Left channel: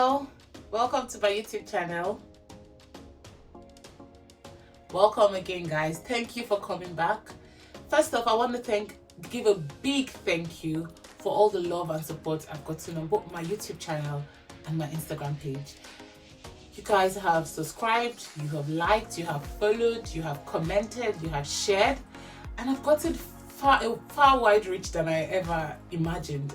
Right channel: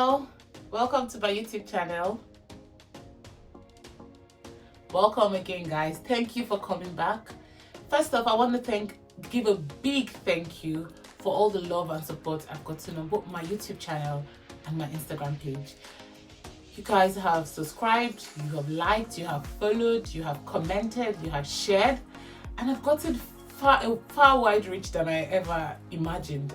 Hello, welcome to my YouTube channel. Welcome again, guys. Thank you for coming back. First off, I want to give a big thank you for all the love and support I've gotten on both my YouTube channel and my Instagram page. You guys have subscribed, you have liked, you have followed, you have commented, you have shared, and I've gotten far wide reach than I ever imagined.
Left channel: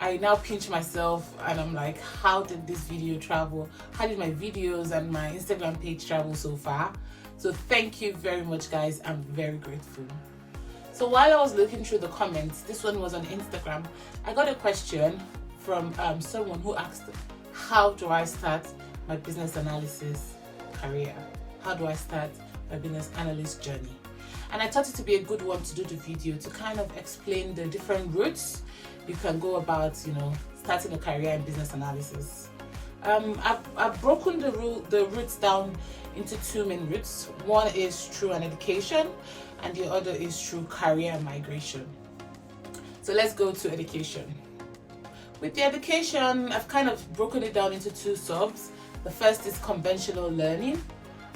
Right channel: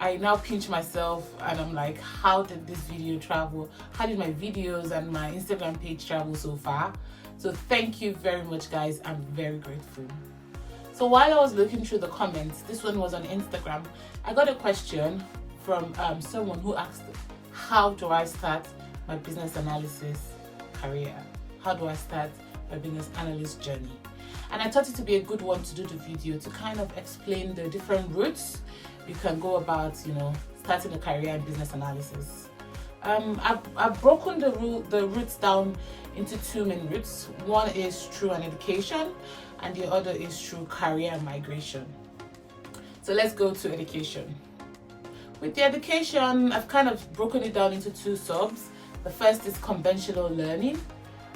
I now pinch myself and I'm like, how did this video travel? How did my videos and my Instagram page travel so far? So thank you very much, guys. I'm very grateful. So while I was looking through the comments, this one was on Instagram, I got a question from someone who asked, how do I start my business analysis career? How do I start my business analyst journey? And I thought it would be a good one to do the video to kind of explain the different routes you can go about, starting a career in business analysis. I've broken the routes down into two main routes. One is through an education and the other is through career migration. So let's go to education. With the education, I've kind of broken it down into two subs. The first is conventional learning,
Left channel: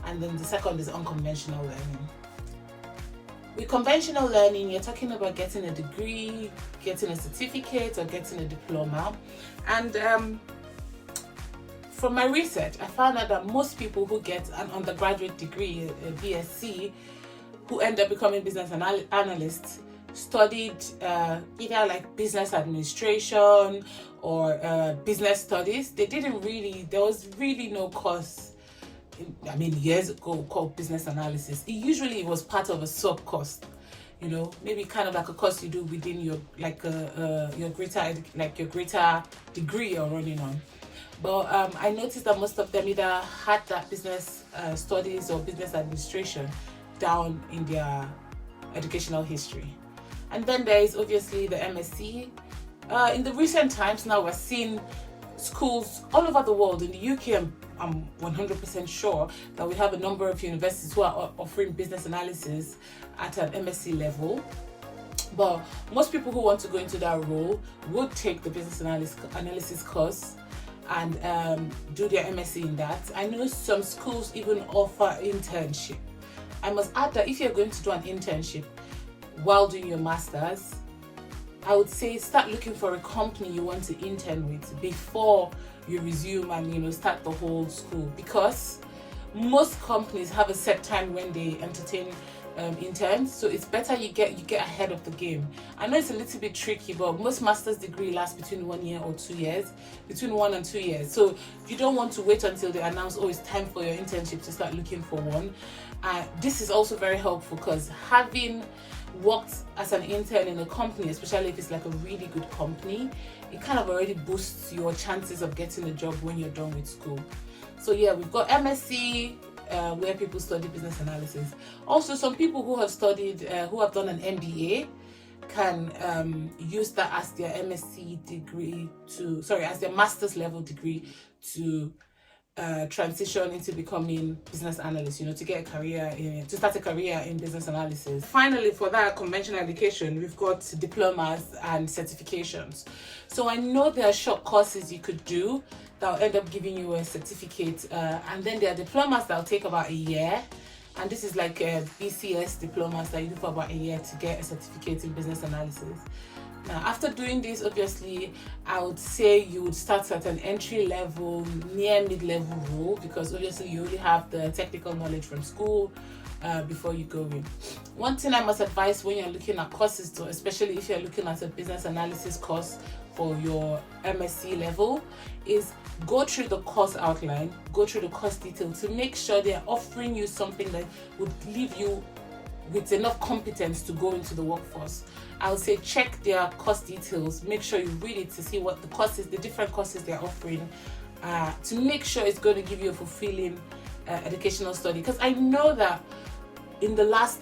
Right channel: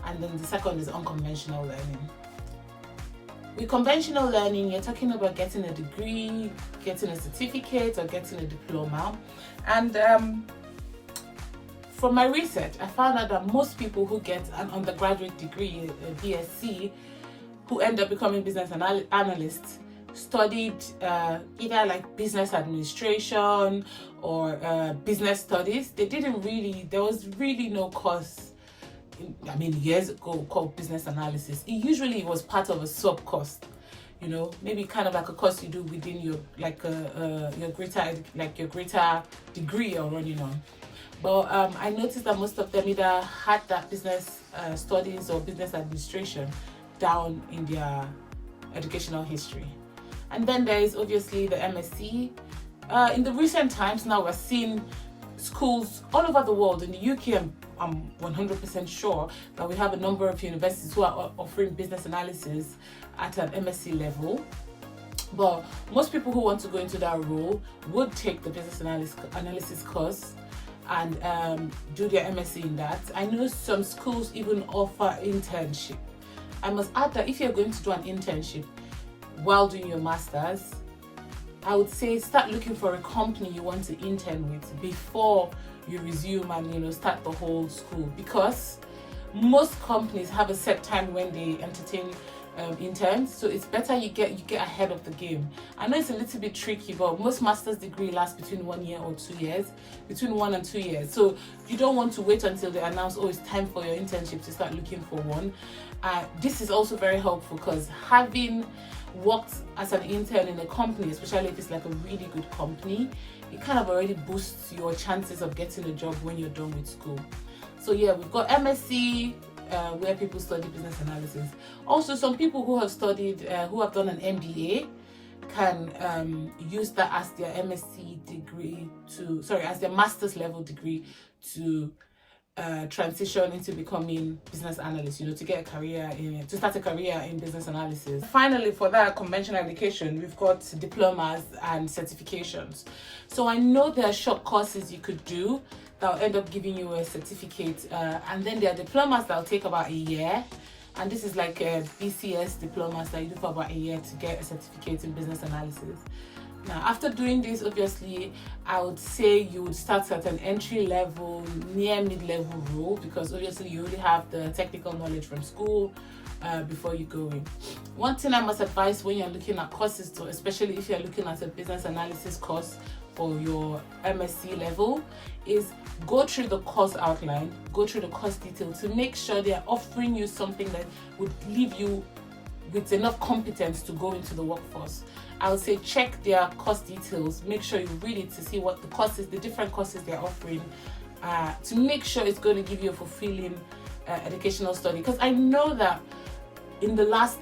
and then the second is unconventional learning. With conventional learning, you're talking about getting a degree, getting a certificate, or getting a diploma. And from my research, I found out that most people who get an undergraduate degree, a BSc, who end up becoming business analysts, studied either like business administration or business studies. There was really no course, years ago, called business analysis. It usually was part of a sub course, maybe kind of like a course you do within your greater degree you're running on. But I noticed that most of them either had that business studies or business administration down in their educational history. And then there is obviously the MSc. In the recent times now, we're seeing schools all over the world. In the UK, I'm 100% sure that we have a number of universities who are offering business analysis at an MSc level. But most people who want to go into that role would take the business analysis course and do their MSc in that. I know some schools even offer internship. I must add that if you're going to do an internship while doing your master's, I would say start looking for a company you want to intern with before you resume and start the whole school, because most companies have a set time when they entertain interns, so it's better you get ahead of the game. I know it's a little bit tricky, but most master's degree lasts between 1 year or 2 years, between 1 and 2 years. So you don't want to wait until they announce, it's time for your internship, to start looking for one. This is also very helpful because having worked as an intern in a company, especially if it's like a really good company, it kind of already boosts your chances of getting a job when you're done with school. So yeah, we've got MSc, where people study business analysis. Also, some people who have studied, who have done an MBA, can use that as their MSc degree as their master's level degree to transition into becoming business analyst, to get a career to start a career in business analysis. Finally, for that conventional education, we've got diplomas and certifications. So I know there are short courses you could do that will end up giving you a certificate, and then there are diplomas that will take about a year, and this is like a BCS diplomas that you do for about a year to get a certificate in business analysis. Now, after doing this, obviously, I would say you would start at an entry level, near mid-level role, because obviously you already have the technical knowledge from school before you go in. One thing I must advise when you're looking at courses, though, especially if you're looking at a business analysis course for your MSc level, is go through the course outline, go through the course detail to make sure they're offering you something that would leave you with enough competence to go into the workforce. I would say check their course details, make sure you read it to see what the different courses they're offering, to make sure it's going to give you a fulfilling educational study. Because I know that in the last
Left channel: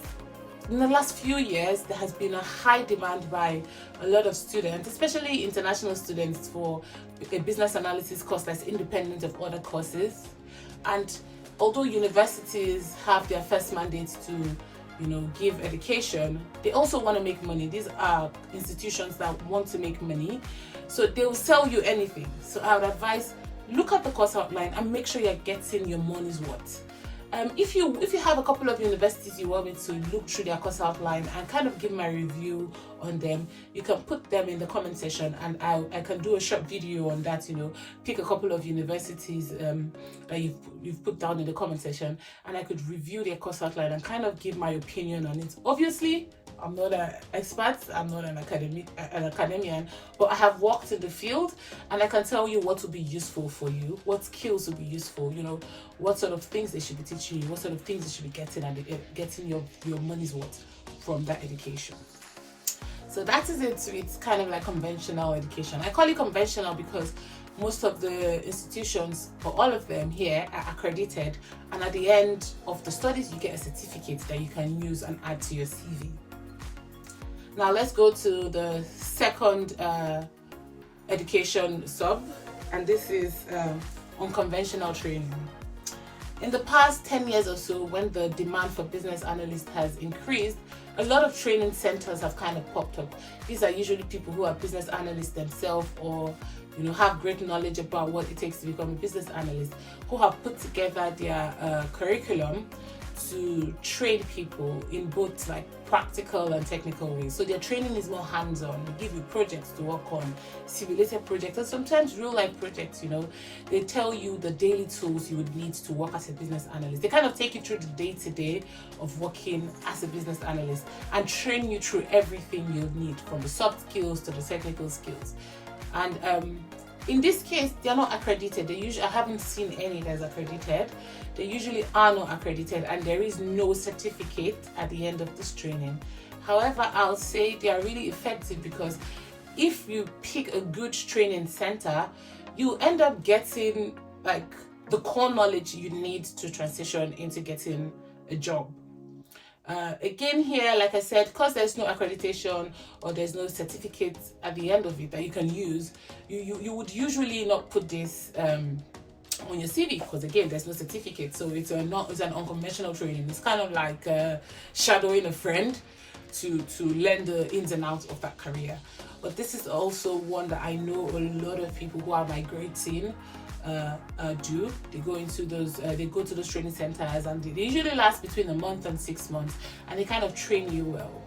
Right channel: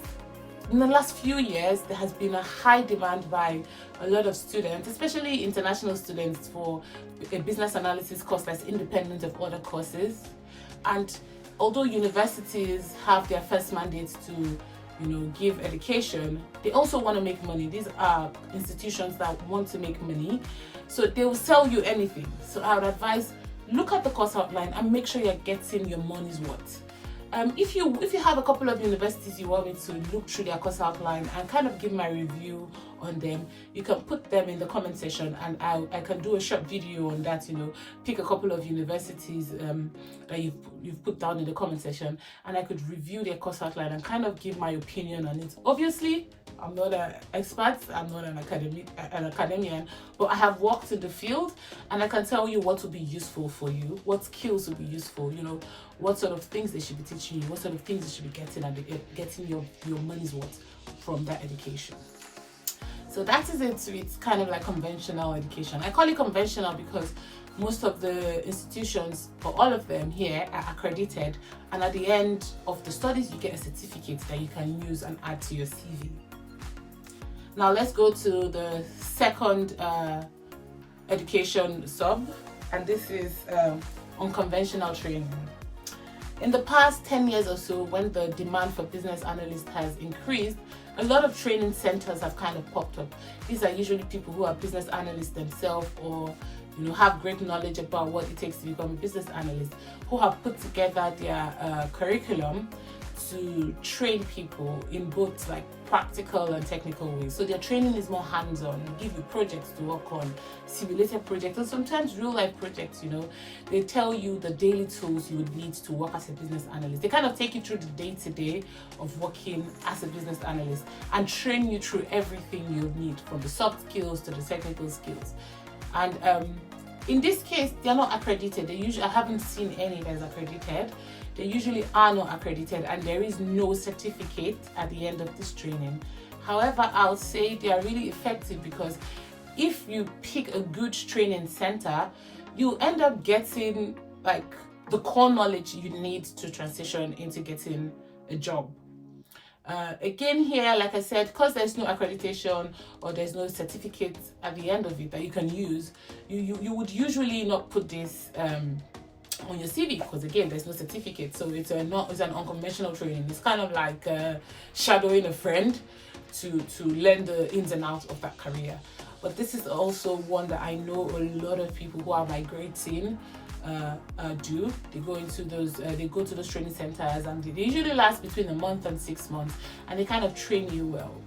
few years, there has been a high demand by a lot of students, especially international students, for a business analysis course that's independent of other courses. And although universities have their first mandate to give education, they also want to make money. These are institutions that want to make money, so they will sell you anything. So I would advise, look at the course outline and make sure you're getting your money's worth. If you have a couple of universities you want me to look through their course outline and kind of give my review on them, you can put them in the comment section, and I can do a short video on that. Pick a couple of universities that you've put down in the comment section, and I could review their course outline and kind of give my opinion on it. Obviously, I'm not an expert, I'm not an academician, but I have worked in the field, and I can tell you what will be useful for you, what skills will be useful, what sort of things they should be teaching you, what sort of things they should be getting, and getting your money's worth from that education. So that is it. It's kind of like conventional education. I call it conventional because most of the institutions, or all of them here, are accredited, and at the end of the studies you get a certificate that you can use and add to your CV. Now let's go to the second education sub, and this is unconventional training. In the past 10 years or so, when the demand for business analysts has increased, a lot of training centers have kind of popped up. These are usually people who are business analysts themselves, or have great knowledge about what it takes to become a business analyst, who have put together their curriculum to train people in both like practical and technical ways. So their training is more hands-on. They give you projects to work on, simulated projects, and sometimes real-life projects. They tell you the daily tools you would need to work as a business analyst. They kind of take you through the day-to-day of working as a business analyst and train you through everything you'll need, from the soft skills to the technical skills. And in this case, they're not accredited. I haven't seen any that's accredited. They usually are not accredited, and there is no certificate at the end of this training. However, I'll say they are really effective, because if you pick a good training center, you end up getting like the core knowledge you need to transition into getting a job. Again here, like I said, because there's no accreditation or there's no certificate at the end of it that you can use, you would usually not put this on your CV, because again, there's no certificate. So it's an unconventional training. It's kind of like shadowing a friend to learn the ins and outs of that career. But this is also one that I know a lot of people who are migrating do. They go to those training centers, and they usually last between a month and 6 months, and they kind of train you well.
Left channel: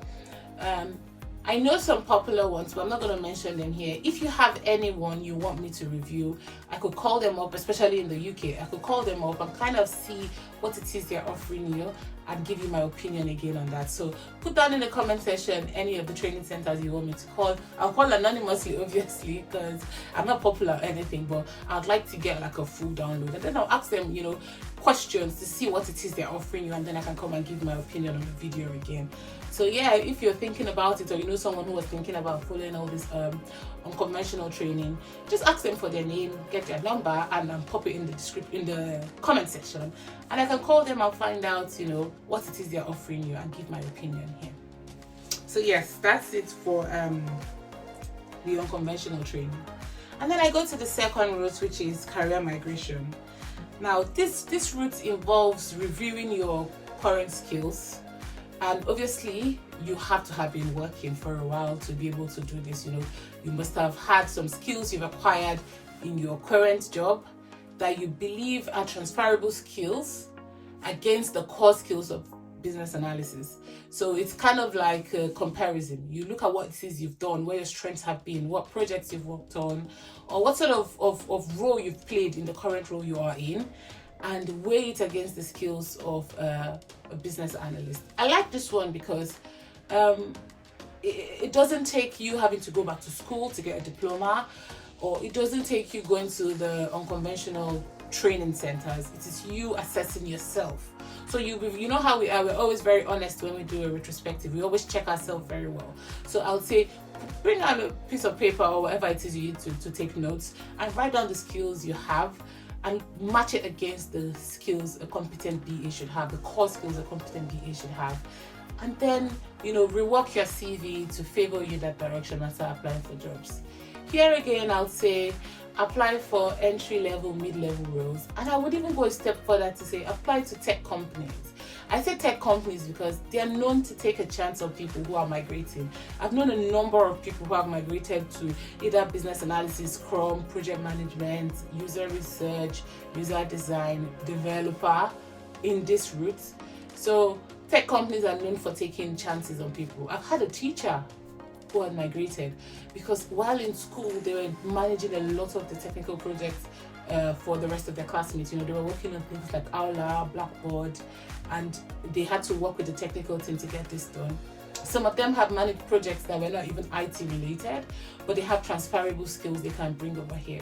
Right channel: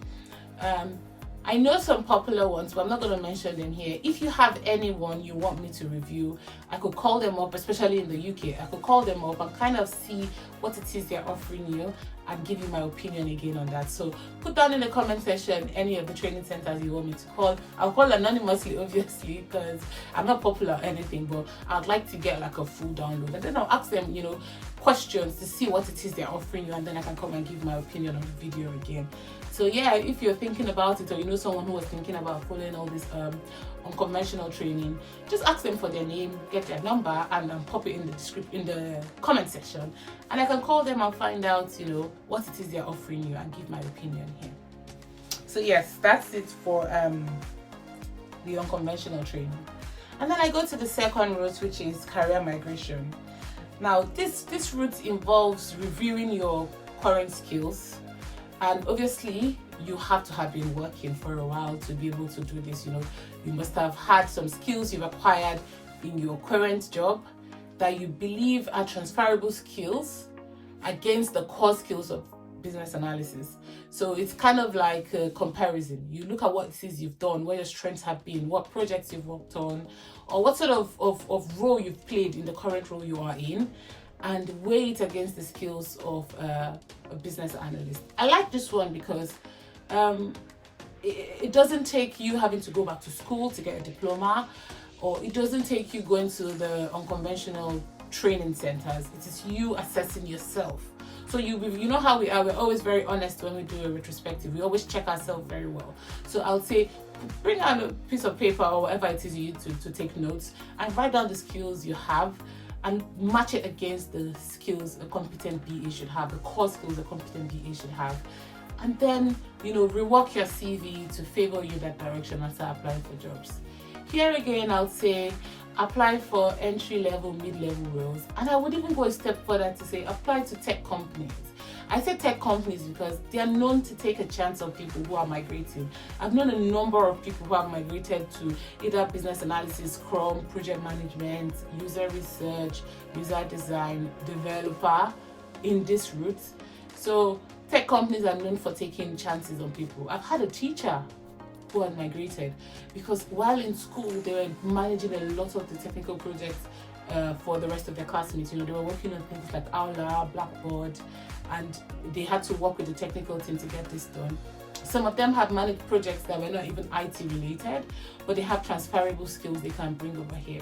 I know some popular ones, but I'm not going to mention them here. If you have anyone you want me to review, I could call them up, especially in the UK. I could call them up and kind of see what it is they're offering you and give you my opinion again on that. So put down in the comment section any of the training centers you want me to call. I'll call anonymously, obviously, because I'm not popular or anything, but I'd like to get like a full download, and then I'll ask them, questions to see what it is they're offering you, and then I can come and give my opinion on the video again. So yeah, if you're thinking about it, or you know someone who was thinking about following all this unconventional training, just ask them for their name, get their number, and pop it in the comment section, and I can call them and find out what it is they're offering you and give my opinion here. So yes, that's it for the unconventional training. And then I go to the second route, which is career migration. Now this route involves reviewing your current skills, and obviously you have to have been working for a while to be able to do this. You must have had some skills you've acquired in your current job that you believe are transferable skills against the core skills of business analysis. So it's kind of like a comparison. You look at what it is you've done, where your strengths have been, what projects you've worked on, or what sort of role you've played in the current role you are in, and weigh it against the skills of a business analyst. I like this one because it doesn't take you having to go back to school to get a diploma, or it doesn't take you going to the unconventional training centers. It is you assessing yourself. So you know how we are. We're always very honest when we do a retrospective. We always check ourselves very well. So I would say bring out a piece of paper or whatever it is you need to take notes, and write down the skills you have and match it against the skills a competent BA should have, the core skills a competent BA should have. And then, rework your CV to favor you that direction as I apply for jobs. Here again, I'll say apply for entry-level, mid-level roles. And I would even go a step further to say apply to tech companies. I say tech companies because they are known to take a chance on people who are migrating. I've known a number of people who have migrated to either business analysis, Scrum, project management, user research, user design, developer in this route. So tech companies are known for taking chances on people. I've had a teacher who had migrated because while in school they were managing a lot of the technical projects for the rest of their classmates. They were working on things like Aula, Blackboard, and they had to work with the technical team to get this done. Some of them have managed projects that were not even IT related, but they have transferable skills they can bring over here.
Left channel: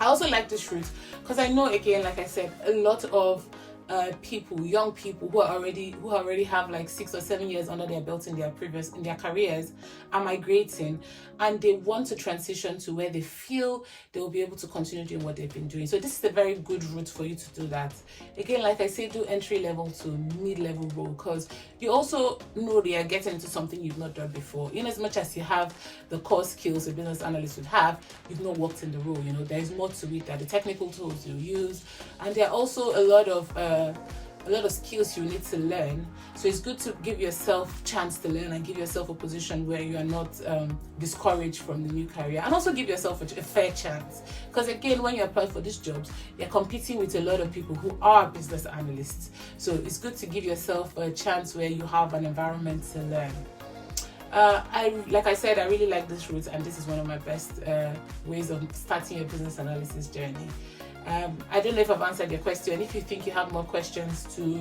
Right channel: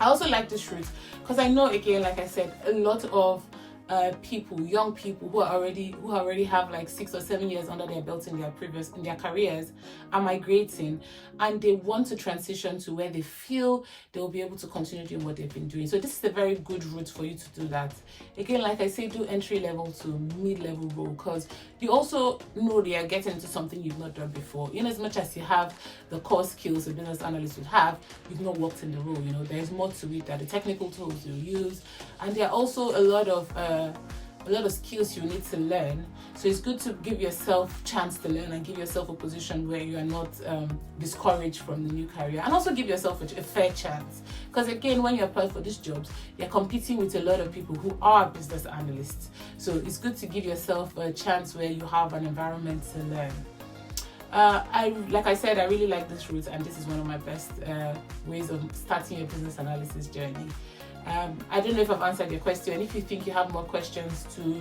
I also like this route because I know, again, like I said, a lot of young people who already have like 6 or 7 years under their belt in their careers are migrating, and they want to transition to where they feel they'll be able to continue doing what they've been doing. So this is a very good route for you to do that. Again, like I say, do entry level to mid-level role, because you also know they are getting into something you've not done before. In as much as you have the core skills a business analyst would have, you've not worked in the role. There's more to it, that the technical tools you use, and there are also a lot of skills you need to learn. So it's good to give yourself a chance to learn and give yourself a position where you are not discouraged from the new career, and also give yourself a fair chance, because again, when you apply for these jobs, you're competing with a lot of people who are business analysts. So it's good to give yourself a chance where you have an environment to learn. Like I said, I really like this route, and this is one of my best ways of starting your business analysis journey. I don't know if I've answered your question. If you think you have more questions to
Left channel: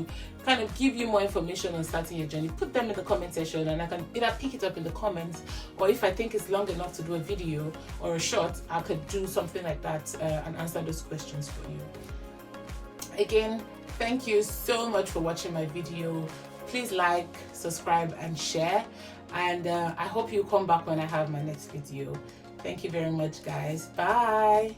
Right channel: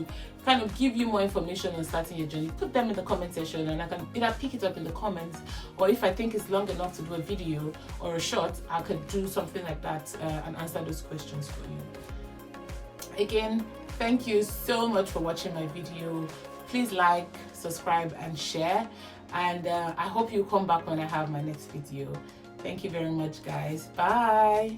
kind of give you more information on starting your journey, put them in the comment section, and I can either pick it up in the comments, or if I think it's long enough to do a video or a short, I could do something like that and answer those questions for you. Again, thank you so much for watching my video. Please like, subscribe, and share, and I hope you come back when I have my next video. Thank you very much, guys. Bye.